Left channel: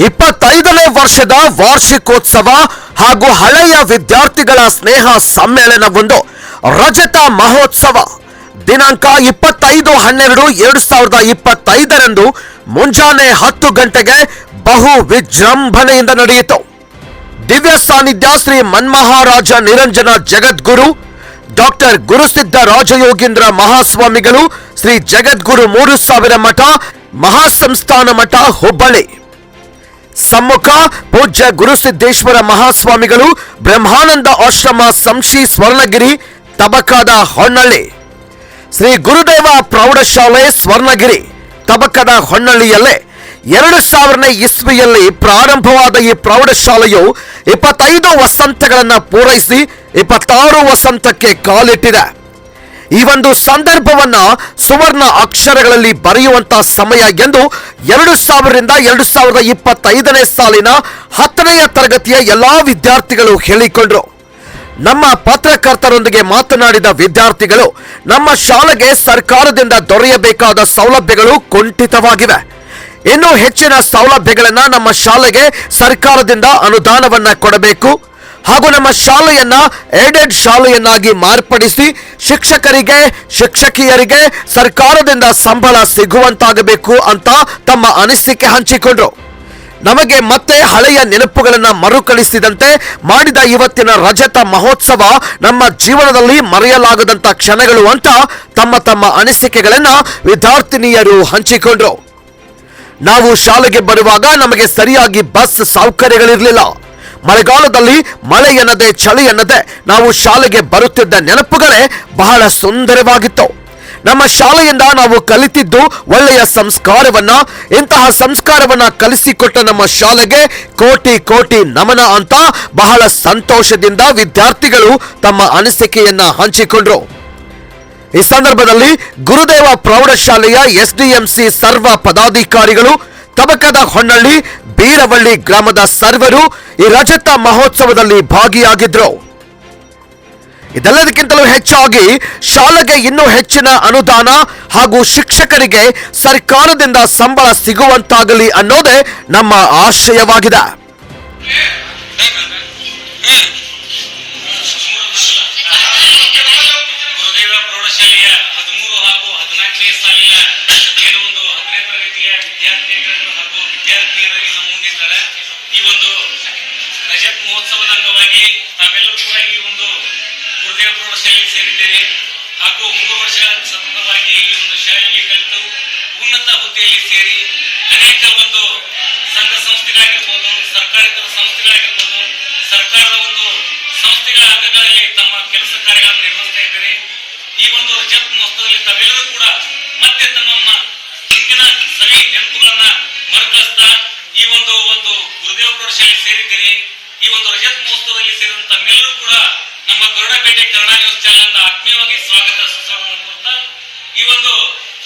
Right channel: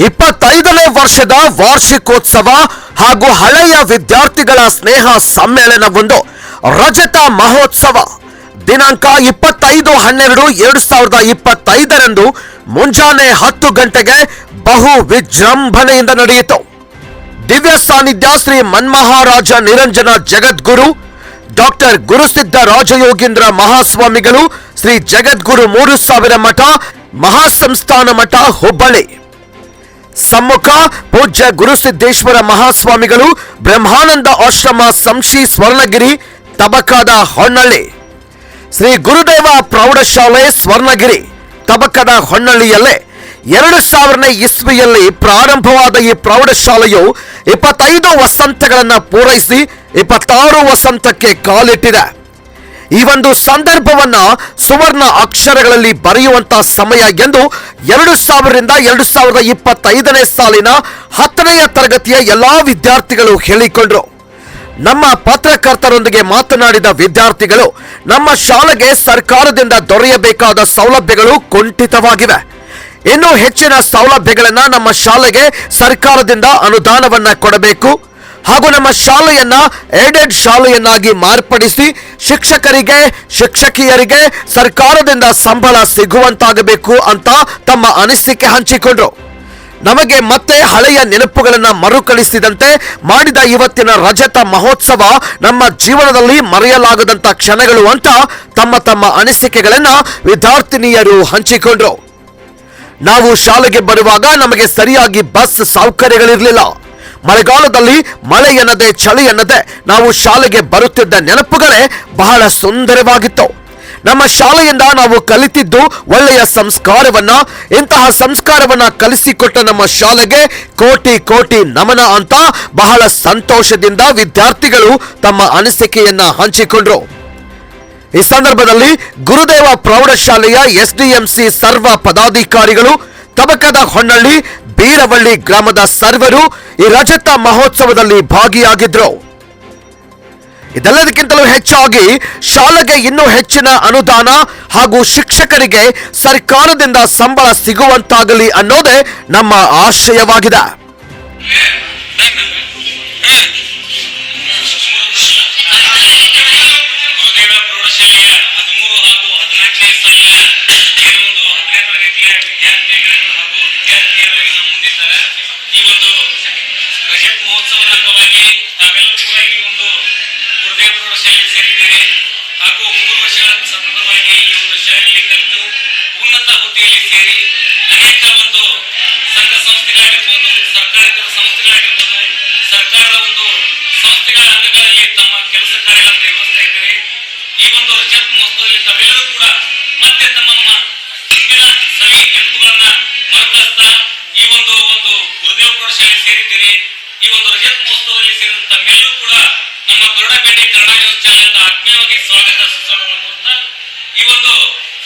25ನೇ ವರ್ಷದ ವಾರ್ಷಿಕೋತ್ಸವ ಹಾಗೂ ಹಳೆಯ ವಿದ್ಯಾರ್ಥಿಗಳ ಸ್ನೇಹ ಸಮ್ಮೇಳನವೊಂದು ರಜತ ಮಹೋತ್ಸವ ದಿನಾಂಕ 25/12/2025 ಮುಂಜಾನೆ 10 ಗಂಟೆಗೆ ಬಹು ವಿಜೃಂಭಣೆಯಿಂದ ನಡೆಯಿತು. ದಿವ್ಯ ಸಾನ್ನಿಧ್ಯ ಶ್ರೀ ಮನ್ಮಹಾರಾಜ ನಿರಂಜನ ಜಗದ್ಗುರು ಡಾಕ್ಟರ್ ಗುರುಸಿದ್ಧ ರಾಜಯೋಗೀಂದ್ರ ಮಹಾಸ್ವಾಮಿಗಳು ಶ್ರೀ ಜಗದ್ಗುರು 3000 ಮಠ ಮಹಾಸಂಸ್ಥಾನ ಮಠ ಹುಬ್ಬಳ್ಳಿ, ಸಮ್ಮುಖ ಪೂಜ್ಯ ಗುರುಸಿದ್ದೇಶ್ವರ ಮಹಾಸ್ವಾಮಿಗಳು ಬ್ರಹ್ಮಾನಂದ ಆಶ್ರಮ ಸಂಶಿ ಸ್ವರ್ಣಗಿರಿ ತಬಕದ ಹೊನ್ನಳ್ಳಿ, ಶ್ರೀ ಗುರುದೇವ ಪ್ರೌಢಶಾಲೆ ಸ್ವರ್ಣಗಿರಿ ತಬಕದ ಹೊನ್ನಳ್ಳಿಯಲ್ಲೇ 2000ನೇ ಇಸ್ವಿಯಲ್ಲಿ ಪ್ರಾರಂಭವಾದ ಈ ಪ್ರೌಢಶಾಲೆಯು 25 ವಸಂತಗಳನ್ನು ಪೂರೈಸಿ 26 ವಸಂತಕ್ಕೆ ಕಾಲಿಟ್ಟಿದೆ. ಈ ಒಂದು ಸಂದರ್ಭವನ್ನ ಸುವರ್ಣ ಅಕ್ಷರಗಳಲ್ಲಿ ಬರೆಯುವಂತಹ ಸಮಯ ಎಂದು 2000ರಿಂದ 2025ನೇ ಸಾಲಿನ 10ನೇ ತರಗತಿಯ ಎಲ್ಲಾ ವಿದ್ಯಾರ್ಥಿಗಳು ಹೇಳಿಕೊಂಡರು. ನಮ್ಮ ಪತ್ರಕರ್ತರೊಂದಿಗೆ ಮಾತನಾಡಿದ ವಿದ್ಯಾರ್ಥಿಗಳು, ನಮ್ಮ ಶಾಲೆಗೆ ಸರ್ಕಾರದಿಂದ ದೊರೆಯಬೇಕಾದ ಸೌಲಭ್ಯಗಳು ಕುಂಠಿತವಾಗಿವೆ. ಇನ್ನೂ ಹೆಚ್ಚಿನ ಸೌಲಭ್ಯಗಳನ್ನ ನಮ್ಮ ಶಾಲೆಗೆ ಸರ್ಕಾರದಿಂದ ಅನುದಾನವನ್ನ ಕೊಡಬೇಕು ಹಾಗೂ ನಮ್ಮ ಶಾಲೆಯನ್ನ ಏಡೆಡ್ ಶಾಲೆಯನ್ನಾಗಿ ಮಾರ್ಪಡಿಸಿ ಶಿಕ್ಷಕರಿಗೆ ಶಿಕ್ಷಕಿಯರಿಗೆ ಸರ್ಕಾರದಿಂದ ಸಂಬಳ ಸಿಗುವಂತಾಗಬೇಕು ಅಂತ ತಮ್ಮ ಅನಿಸಿಕೆ ಹಂಚಿಕೊಂಡ್ರು. ನಮಗೆ ಮತ್ತೆ ಹಳೆಯ ನೆನಪುಗಳನ್ನ ಮರುಕಳಿಸಿದಂತೆ ಮಾಡಿದ ಇವತ್ತಿನ ರಜತ ಮಹೋತ್ಸವ ನಮ್ಮ ಜೀವನದಲ್ಲಿ ಮರೆಯಲಾಗದಂತ ಕ್ಷಣಗಳು ಅಂತ ತಮ್ಮ ಅನಿಸಿಕೆಗಳನ್ನ ವಿದ್ಯಾರ್ಥಿನಿಯರು ಹಂಚಿಕೊಂಡ್ರು. ನಾವು ಶಾಲೆಗೆ ಬರುವಾಗ ನಮಗೆ ಸರಿಯಾಗಿ ಬಸ್ ಸೌಕರ್ಯಗಳಿರಲಿಲ್ಲ. ಮಳೆಗಾಲದಲ್ಲಿ ಮಳೆ ಎನ್ನದೆ ಚಳಿ ಎನ್ನದೆ ನಾವು ಶಾಲೆಗೆ ಬರುತ್ತಿದ್ದ ನೆನಪುಗಳೇ ಬಹಳ ಸುಂದರವಾಗಿತ್ತು. ನಮ್ಮ ಶಾಲೆಯಿಂದ ನಾವು ಕಲಿತಿದ್ದು ಒಳ್ಳೆಯ ಸಂಸ್ಕಾರವನ್ನ. ಇಂತಹ ಸಂಸ್ಕಾರವನ್ನ ಕಲಿಸಿಕೊಟ್ಟ ನಮ್ಮ ಶಾಲೆಗೆ ಕೋಟಿ ಕೋಟಿ ನಮನ ಅಂತ ಬಹಳ ಸಂತೋಷದಿಂದ ವಿದ್ಯಾರ್ಥಿಗಳು ತಮ್ಮ ಅನಿಸಿಕೆಯನ್ನ ಹಂಚಿಕೊಂಡ್ರು. ಈ ಸಂದರ್ಭದಲ್ಲಿ ಗುರುದೇವ ಪ್ರೌಢಶಾಲೆಯ ಎಸ್ಡಿಎಂಸಿ ಸರ್ವ ಪದಾಧಿಕಾರಿಗಳು, ತಬಕದ ಹೊನ್ನಳ್ಳಿ ಬೀರವಳ್ಳಿ ಗ್ರಾಮದ ಸರ್ವರು ಈ ರಜತ ಮಹೋತ್ಸವದಲ್ಲಿ ಭಾಗಿಯಾಗಿದ್ರು. ಇದೆಲ್ಲದಕ್ಕಿಂತಲೂ ಹೆಚ್ಚಾಗಿ ಶಾಲೆಗೆ ಇನ್ನೂ ಹೆಚ್ಚಿನ ಅನುದಾನ ಹಾಗೂ ಶಿಕ್ಷಕರಿಗೆ ಸರ್ಕಾರದಿಂದ ಸಂಬಳ ಸಿಗುವಂತಾಗಲಿ ಅನ್ನೋದೇ ನಮ್ಮ ಆಶಯವಾಗಿದೆ. ಹಾಗೂ 3 ವರ್ಷಗಳ ಸತತವಾಗಿ ಈ ಒಂದು ಶಾಲೆಯಲ್ಲಿ ಕಲಿತು ಉನ್ನತ ಹುದ್ದೆಯಲ್ಲಿ ಸೇರಿ ಅನೇಕ ಒಂದು ಸಂಘ ಸಂಸ್ಥೆಗಳಾಗಿರ್ಬೋದು, ಸರ್ಕಾರೇತರ ಸಂಸ್ಥೆಗಳಾಗಿರ್ಬೋದು, ಸರ್ಕಾರದ ಒಂದು ಸಂಸ್ಥೆಗಳ ಅಂಗಗಳಲ್ಲಿ ತಮ್ಮ ಕೆಲಸ ಕಾರ್ಯಗಳನ್ನು ನಿರ್ವಹಿಸ್ತಾ ಇದ್ದಾರೆ. ಈ ಒಂದು ರಜತ ಮಹೋತ್ಸವದಲ್ಲಿ ತಾವೆಲ್ಲರೂ ಕೂಡ ಮತ್ತೆ ತಮ್ಮ ಹಿಂದಿನ ಸವಿ ನೆನಪುಗಳನ್ನ ಮರುಕಳಿಸ್ತಾ ಈ ಒಂದು ಗುರುದೇವ ಪ್ರೌಢಶಾಲೆ ಸೇರಿದ್ದೀರಿ. ಈ ಒಂದು ರಜತ ಮಹೋತ್ಸವದಲ್ಲಿ ಸೇರಿದಂತ ತಮ್ಮೆಲ್ಲರೂ ಕೂಡ ನಮ್ಮ ಗರುಡಪೇಟೆ ಕನ್ನಡ ನ್ಯೂಸ್ ಚಾನೆಲ್ ಆತ್ಮೀಯವಾಗಿ ಸ್ವಾಗತ ಸುಸ್ವಾಗತ. ಈ ಒಂದು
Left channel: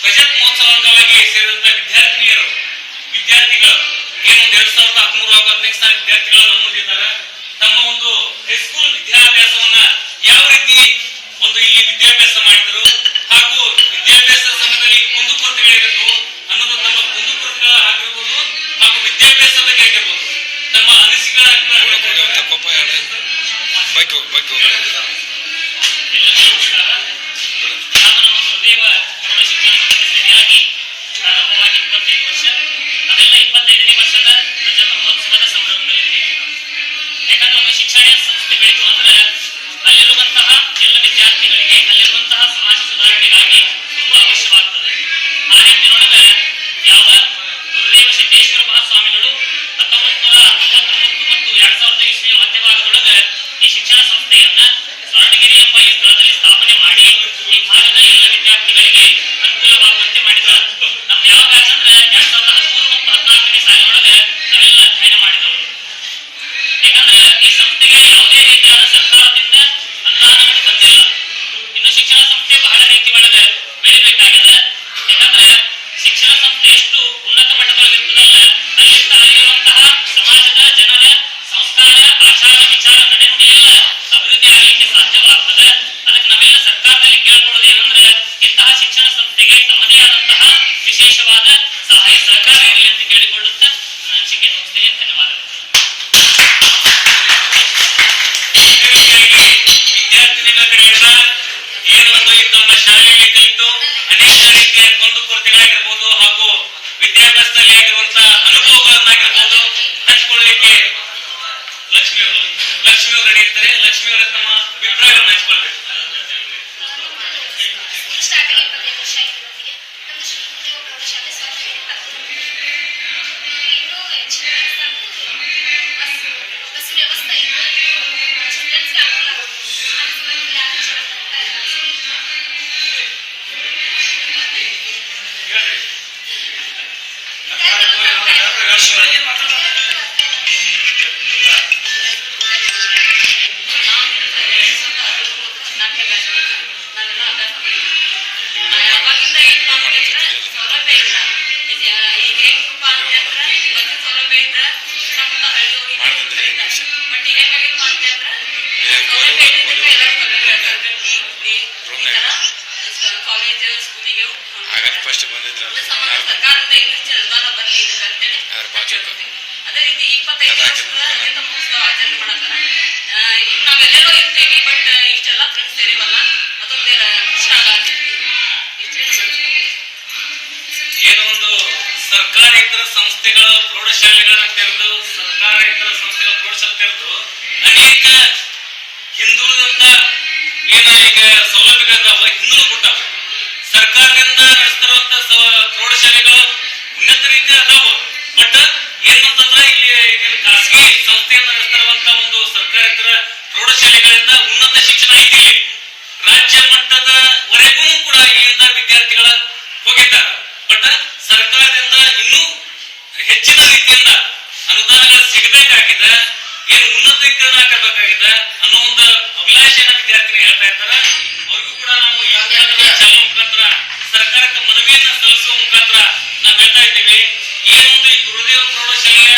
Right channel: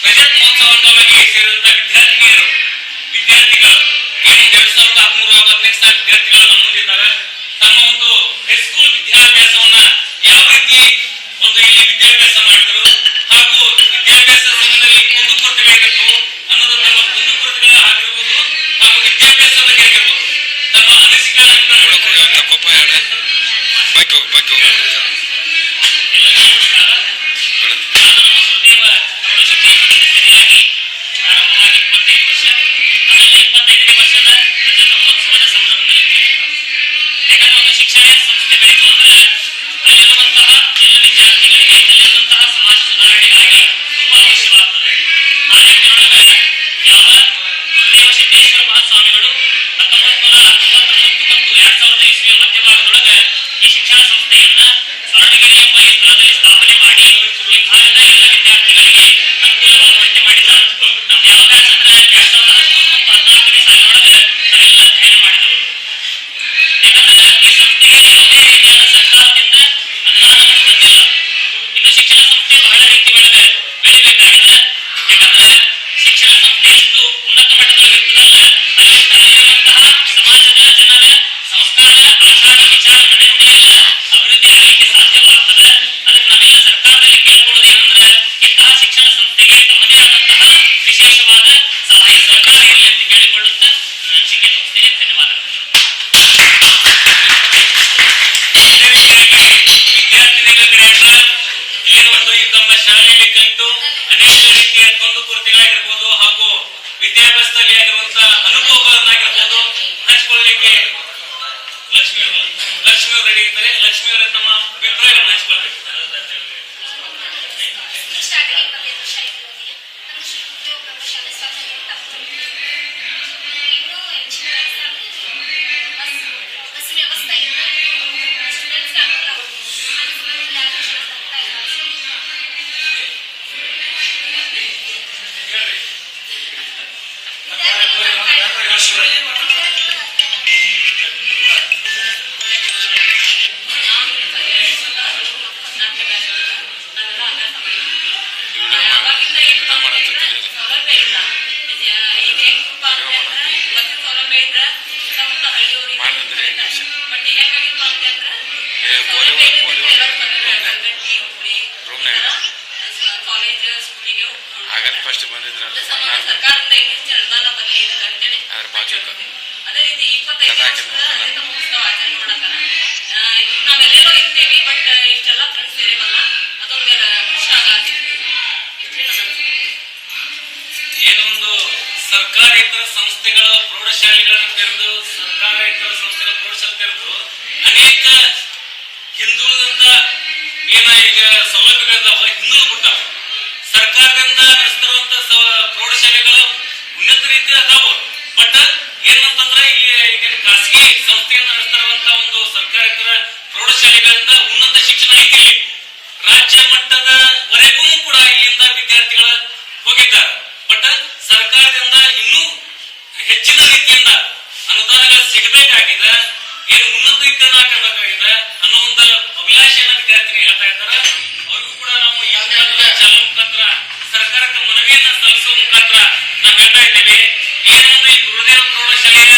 ರಜತ ಮಹೋತ್ಸವ ಅಂಗವಾಗಿ ಸೇರಿದಂತ ವಿದ್ಯಾರ್ಥಿಗಳು ಏನು 2013 ಹಾಗೂ 15 ವಿದ್ಯಾರ್ಥಿಗಳು ನಮ್ಮ ಮುಂದಿದ್ದಾರೆ. ತಮ್ಮ ಒಂದು ಹೈಸ್ಕೂಲ್ ವಿದ್ಯಾಭ್ಯಾಸವನ್ನ ಯಾವ ರೀತಿ ಒಂದು ಇಲ್ಲಿ ವಿದ್ಯಾಭ್ಯಾಸ ಮಾಡಿದರು ಹಾಗೂ ವಿದ್ಯಾಭ್ಯಾಸದ ಸಮಯದಲ್ಲಿ ಕುಂದುಕೊರತೆಗಳಿರಬೇಕು ಅನ್ನೋದು ತಮ್ಮ ಕುಂದುಕೊರತೆಗಳ ಆಗಿರ್ಬೋದು ಹಾಗೂ ವಿದ್ಯಾಭ್ಯಾಸ ಬಗ್ಗೆ ಆಗಿರ್ಬೋದು ತಮ್ಮ ಅನಿಸಿಕೆಗಳ ಗುರುದೇವ ಪ್ರೌಢಶಿಕ್ಷಣ ಸರಿಯಾಗಿ ಪ್ರಾರಂಭವಾಗಿ 25 ವರ್ಷ, ನಾವೆಲ್ಲ 25ನೇ ವರ್ಷದ ರಜತ ಮಹೋತ್ಸವದ ಸಂಭ್ರಮದಲ್ಲಿದ್ದೇವೆ. ಯಾಕಂದ್ರೆ ಒಂದು ಶಿಕ್ಷಣ ಸಂಸ್ಥೆ ಬೆಳೆದು ಅಂದ್ರೆ ಅಲ್ಲಿರುವಂತಹ ಎಲ್ಲ ವಿದ್ಯಾರ್ಥಿಗಳಿಗೆ, ಅಲ್ಲಿರುವಂತಹ ಸಮಾಜ ಸುಧಾರಣೆಗಾಗಿ ತುಂಬಾ ಅವಶ್ಯವಾಗುತ್ತದೆ. ಆ ನಿಟ್ಟಿನೊಳಗೆ ಯಾವ ಗುರುದೇವ ಸಿದ್ದೇಶ್ವರ ಮಹಾಸ್ವಾಮಿಗಳು 1999 ಮತ್ತು 2000 ಇಸ್ವಿಯ ಮಧ್ಯಭಾಗದೊಳಗೆ ಈ ಶಿಕ್ಷಣ ಸಂಸ್ಥೆಯನ್ನ ಆಗಸ್ಟ್ ಫಸ್ಟ್ ಬಂದಿದ್ರಲ್ಲ ಸರ್ಕಾರದಿಂದ ಹೆಚ್ಚಿನ ಅನುದಾನ ಬರಲಿ ಅಂತೇಳಿ ಅದ್ರ ಬಾಜುಕ ಅದೇ ರೀತಿ 25 ಮಹೋತ್ಸವ ಆಚರಣೆ ಮಾಡತ್ತಾರ. ಈಗ ನಾವೆಲ್ಲೆಲ್ಲೋ ಇರ್ತೀವಿ, ಬಟ್ ಇಷ್ಟೆಲ್ಲ ಫ್ರೆಂಡ್ಸ್ ಸೇರಿವಲ್ಲ, ಅದೊಂದೇ ಇಷ್ಟ ಆಗತ್ತಿದ್ವಿ. ಇಷ್ಟೇ ಏನೊಂದು ಸರ್ಕಾರೇತರ ಸಂಸ್ಥೆಗಳ ಪ್ರೌಢಶಾಲೆಗಳನ್ನ ತೆರೆದು ಸರ್ಕಾರೇತರ ಸಂಸ್ಥೆಗಳ ಪ್ರೌಢಶಾಲೆ ತೆರೆದು ಅನೇಕ ಹಿಂದುಳಿದಂತ ಏನ ಈಗ ಸೌಲಭ್ಯಗಳಿದಾವ ಹಿಂದುಳಿದು ಬಿಟ್ಟಾವ. ಸರ್ಕಾರದಿಂದ ನಡೆಸ್ತಿರುವಂತ ಪ್ರೌಢಶಾಲೆಗಳು ಉನ್ನತ ರೀತಿ ಅದಾವು. ಬಟ್ ಏನಂತಂದ್ರೆ ಇಲ್ಲಿ ಈಗಿನ ಖಾಸಗಿ ಸಂಸ್ಥೆಯಿಂದ ನಡೆಸ್ತಿರುವಂತ ಒಂದು ಸರ್ಕಾರೇತರ ಪ್ರೌಢಶಾಲೆಗಳಿಂದ ಉನ್ನತ ಶಿಕ್ಷಣ ಐತಿ. ರಾಜ್ಯ ಮಟ್ಟದವರೆಗೂ ಕೂಡ ಇಲ್ಲಿಂದ ವಿದ್ಯಾರ್ಥಿಗಳ ಹೋಗಿದ್ದಾರೆ. ಬಟ್ ಸರ್ಕಾರದಿಂದ ಇನ್ನೂ ಹೆಚ್ಚಿನ ರೀತಿಯಿಂದ ಅನುದಾನಗಳು ಸಿಗಬೇಕಾಗಿದೆ, ಏನು ಉನ್ನತೀಕರಣ ಆಗಬೇಕಾಗಿದೆ ಅನ್ನೋ ಒಂದು ಅಭಿಲಾಷೆಯನ್ನ ವಿದ್ಯಾರ್ಥಿನಿ ಹೇಳ್ತಾ ಇದ್ದಾರೆ. ಅವ್ರಿಗೂ ಕೂಡ ನಾವು ಈ ಮುಖಾಂತರ ಚಾಲನೆ ಮುಖಾಂತರ ಸರ್ಕಾರಕ್ಕೆ ಮನವಿಯನ್ನ ಸಲ್ಲಿಸುವ ಮುಖಾಂತರ ನಾವು ಹೇಳ್ತಾ ಇದ್ದೇವೆ. ಏನೊಂದು ಈ ಗುರುದೇವ ಪ್ರೌಢಶಾಲೆಯ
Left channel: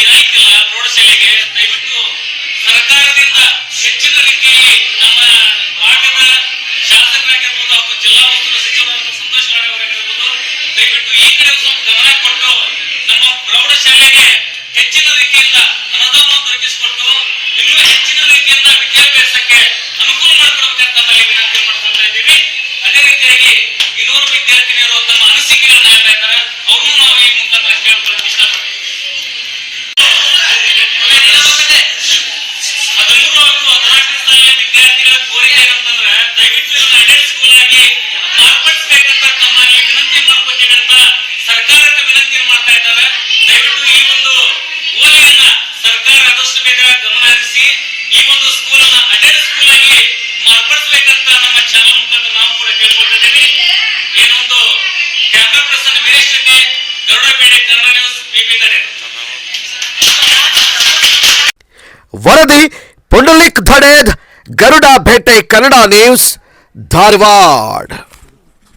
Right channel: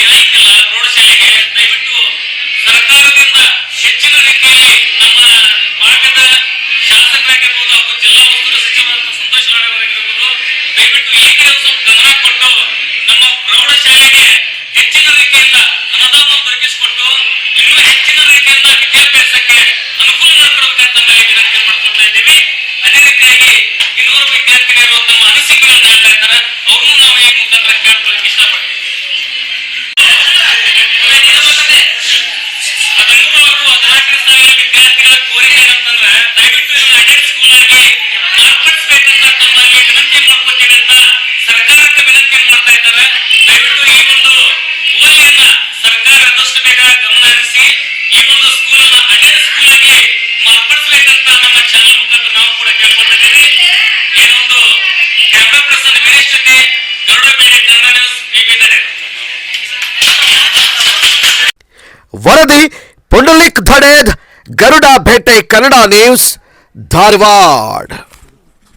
ಏನೈತಿಲ್ಲ ಪ್ರೌಢಶಾಲೆಗೆ ದಯವಿಟ್ಟು ಸರ್ಕಾರದಿಂದ ಹೆಚ್ಚಿನ ರೀತಿಯಲ್ಲಿ ನಮ್ಮ ಭಾಗದ ಶಾಸಕರಾಗಿರ್ಬೋದು ಹಾಗೂ ಜಿಲ್ಲಾ ಉಸ್ತುವಾರಿ ಸಚಿವರಾದ ಸಂತೋಷ್ ಲಾಡ್ ಅವರಾಗಿರ್ಬೋದು ದಯವಿಟ್ಟು ಈ ಕಡೆ ಸ್ವಲ್ಪ ಗಮನ ಕೊಟ್ಟು ನಮ್ಮ ಪ್ರೌಢಶಾಲೆಗೆ ಹೆಚ್ಚಿನ ರೀತಿಯಿಂದ ಅನುದಾನವನ್ನು ದೊರಕಿಸಿಕೊಟ್ಟು ಇನ್ನೂ ಹೆಚ್ಚಿನ ರೀತಿಯಿಂದ ವಿದ್ಯಾಭ್ಯಾಸಕ್ಕೆ ಅನುಕೂಲ ಮಾಡಿಕೊಡ್ಬೇಕಂತ ನಮ್ಮಲ್ಲಿ ವಿನಂತಿ ಮಾಡ್ಕೊಳ್ತಾ ಇದ್ದೀವಿ. ಅದೇ ರೀತಿಯಾಗಿ ಇನ್ನೂರು ವಿದ್ಯಾರ್ಥಿನಿಯರು ತಮ್ಮ ಅನಿಸಿಕೆಗಳನ್ನ ಹೇಳ್ತಾ ಇದ್ದಾರೆ, ಅವ್ರನ್ನೂ ನಾವು ಈ ಮುಖಾಂತರ ಕೇಳ್ಕೊಳ್ಳಿಕ್ಕೆ ಇಷ್ಟಪಡ್ತೀವಿ. 13 ಹಾಗೂ 14ನೇ ಸಾಲಿನ ವಿದ್ಯಾರ್ಥಿಗಳ ಕೋರಿಕೆ ಏನಂತಂದ್ರೆ ದಯವಿಟ್ಟು ಇದನ್ನ ಅಡೆಡ್ ಸ್ಕೂಲ್ ಆಗಿ ಮಾರ್ಪಡಿಸಬೇಕಂತ ತಮ್ಮಲ್ಲಿ ವಿನಂತಿ ಮಾಡ್ಕೊತೀವಿ ಅಂತ ಸರ್ಕಾರಕ್ಕೆ ವಿನಂತಿ ಮಾಡ್ತಾ ಇದ್ದಾರೆ. ದಯವಿಟ್ಟು ಈ ಒಂದು ಓಲಿಯನ್ನ ಸರ್ಕಾರ ಆದಷ್ಟು ಬೇಗ ಗಮನ ಹರಿಸಿ ಈ ಒಂದು ಸ್ಕೂಲ್ ಅನ್ನ ಅಡೆಡ್ ಸ್ಕೂಲ್ ಆಗಿ ಮಾರ್ಪಡಿಸಬೇಕಂತ ನಮ್ಮ ಚಾನಲ್ ಮುಖಾಂತರ ನಾವು ಕೂಡ ಕೇಳ್ಕೊಳ್ತಾ ಇದ್ದೀವಿ. ಏನೊಂದು ಕ್ಯಾಮ್ರಾ ಪರ್ಸನ್ ವೀರೇಶ್ ಜೊತೆ ಗರುಡಬೇಡಿ, ಕನ್ನಡ ನ್ಯೂಸ್, ಬಿಬಿದರೆ. ವರದಿ ಪುಂಡಲಿಕ್ ಧಡೇದ್, ಗರುಡ ಭೇಟೆ, ಕನ್ನಡ ನ್ಯೂಸ್, ಧಾರವಾಡ.